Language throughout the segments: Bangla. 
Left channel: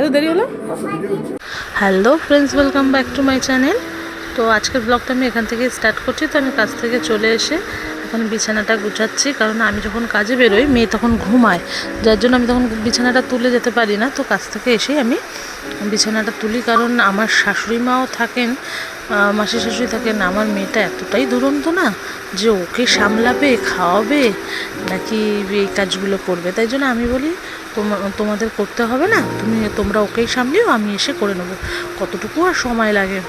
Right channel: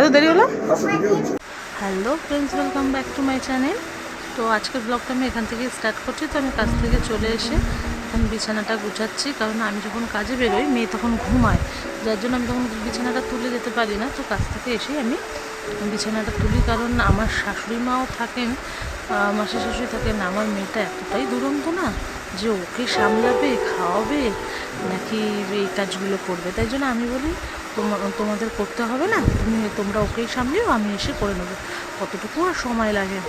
এত দেরি হলো। Hello friends, welcome back to my channel. তো আজকের ব্লগটা আমি এখান থেকে স্টার্ট করছি। তো আমি কাজ থেকে চলে এসে এখন বিছানাটা গুছাচ্ছি, কারণ আমি যখন কাজে বেরোই মেয়ে তখন ঘুমায়, যার জন্য আমি তখন বিছানাটা তুলে যেতে পারি না। তো কাজ থেকে এসেই আমি বিছানাটা তুলি, কারণ আমার শাশুড়ি মাও থাকেন, মাসি শাশুড়ি থাকেন। আমার মেয়েটা এতটাই দুরন্ত না যে ওকে সামলাবে, খাওয়াবে নাকি এই কাজগুলো করবে। তাই জন্য আমি বলি তোমাদের করতে হবে না, তোমরা ওকেই সামলিও, আমি এসে করে নেবো, কতটুকু আর সময় লাগে।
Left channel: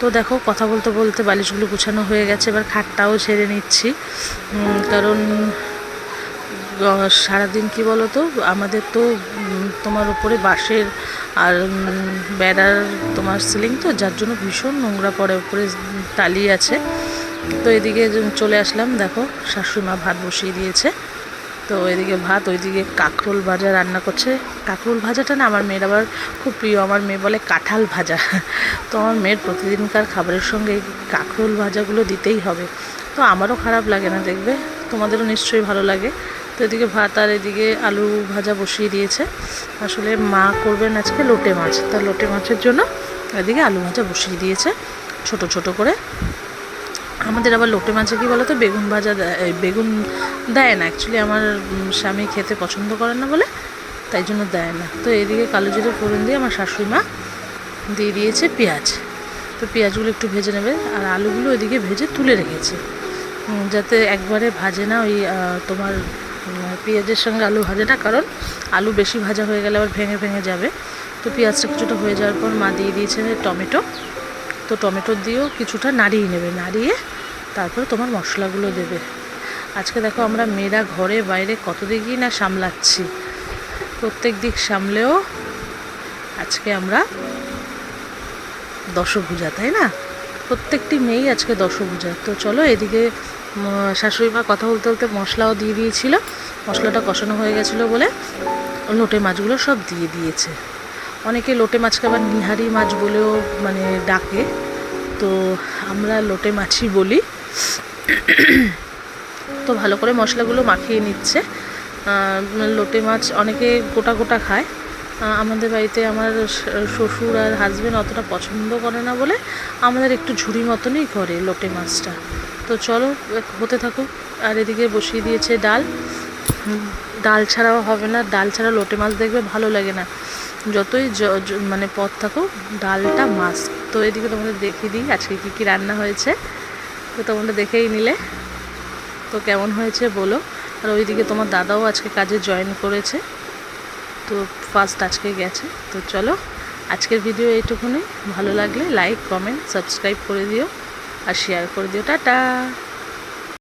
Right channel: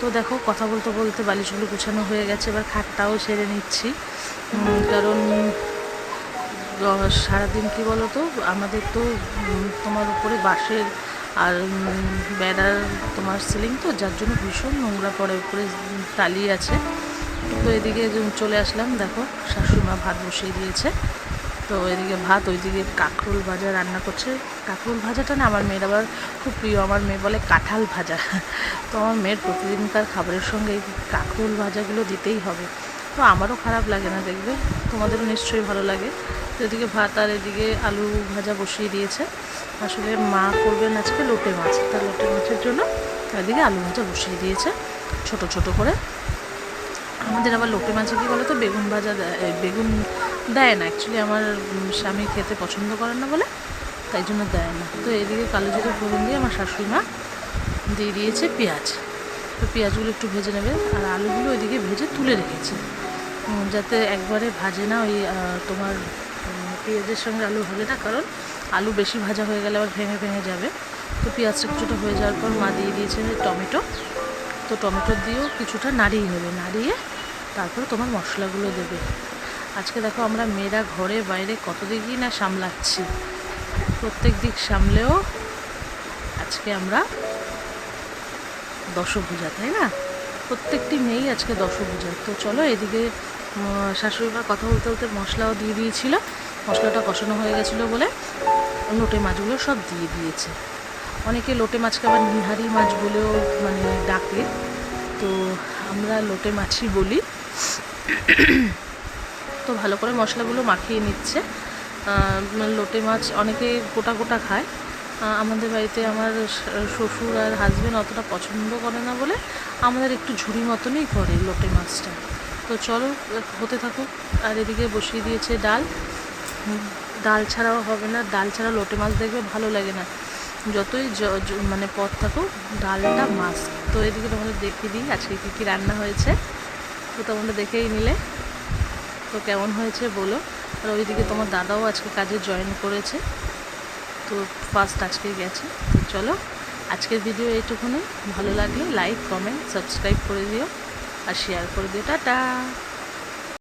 তো দেখো, কথা বলতে বলতে বালিশগুলো গুছানো হয়ে গেছে, এবার খাটটাও ছেড়ে নিচ্ছি। কারণ সারাদিন কি বলো তো, আমাদের তো তোমার উপরে বাঁশের আর বেড়ার তোমার সিলিং, তো যার জন্য ভীষণ নোংরা পড়ে, উপরে টালি আছে। তো এদিকে চলে আসলাম, দেখো শাশুড়ি মা ভাত বসিয়ে দিয়েছে। তো এদিকে ভাত, ওইদিকে কাঁকরোল ভাজা রান্না করছে। কাঁকরোল ভাজাটা না আমার মেয়ের আবার খুব প্রিয়, আমার মেয়ে বলে কাঁঠাল ভাজা। তো আমার মেয়ের প্রতিদিনকার খাবারের সঙ্গে এই কাঁকরোল ভাজাগুলো দিতেই হবে। তো আমারও খারাপ লাগে না, দেখবে তোমাদেরও নিশ্চয়ই ভালো লাগে। তো এদিকে ভাত আর এদিকে আলু ভাজা বসিয়ে দিয়েছে। আসলে মা করবেন আজকে লোটে মাছ, তা লোটে মাছের জন্য এদিকে আলু ভাজা বসিয়ে দিয়েছে ছোট ছোট করে। আমাদের আবার লোটে মাছে কী বলো তো, বেগুন ভাজা বেগুন দেয় না অ্যাকচুয়ালি, আমার স্বামী খেতে পছন্দ করেন না বলে, তাই জন্য দেয় না। তো এদিকে কালো জিরে ফোড়ন দিয়ে আমার শাশুড়ি মা দিয়ে দিয়েছে পেঁয়াজ। তো পেঁয়াজগুলো একটু ভেজে নেবে, আর আলুগুলো ওইদিকে ভেজে তুলে রেখেছে, যাতে একবারে ভাজে না ওই তোমার পেঁয়াজের সঙ্গে আলু ভাজে না, কারণ আলু বেশি ভাজা হয়ে গেলে আবার ভেঙে ভেঙে যাবে। তো পেঁয়াজটা কিছুটা হয়ে যাওয়ার পর মা দিয়ে দিয়েছে টমেটো। তো টমেটো দিয়েও কিছুটা নাড়িয়ে নেবে, নাড়িয়ে তারপরে তোমার মশলাগুলো দেবে। আজকে দেখো আমরা মেয়েরা ঘরে বাইরে কত দিকই না সামলাচ্ছি, প্রত্যেক দিক সামলেও আজকে আমরা দশভুজা, তাই না? প্রত্যেকটি মেয়েই আজকে দশভুজা। তো চলো, এদিকে শাশুড়ি মা কথা বলতে বলতে মশলাও দিয়ে দিয়েছিল, মশলাটা কষানো হয়ে গেছিলো বলে লোটে মাছগুলো সব দিয়ে দিয়েছে। অনেকে লোটে মাছকে আবার নিহারি মাছ বলেও মানে ডাকে, তো আমরা লোটে মাছই বলি। তো ভালো করে মশলাগুলো মাখিয়ে নিচ্ছে। লোটে মাছ অনেকে গোটা গোটা খায়, আমাদের বাড়িতে আমার শ্বশুর আর হাজব্যান্ড অতটা পছন্দ করে না বলে আমাদের একটু ঝুড়ি মতনই করে লোটে মাছটা। তো চলো হতে থাকুক। আর এদিকে বসিয়ে দিয়েছে ডাল। ডাল ছাড়াও হবে না, ডাল ছাড়া লোটে মাছ দেখবে ভালো লাগে না, যতই মানে পথ থাকুক ডালটা মাছ। তো এদিকে তোমাদের দেখিয়ে দিই আজকে কী কী রান্না হয়েছে, তো তোমরা দেখেই নিলে। তো কেমন হয়েছে বলো। আর ওইদিকে তোমার দাদাও আজকে কাজে জয়েন করেছে, তো ফার্স্ট আজকে গেছে। তো চলো, আজকের ভিডিও এইটুকুনি। ভালো লাগলে লাইক, কমেন্ট, সাবস্ক্রাইব করে দিও আর শেয়ার করে দিও। টাটা।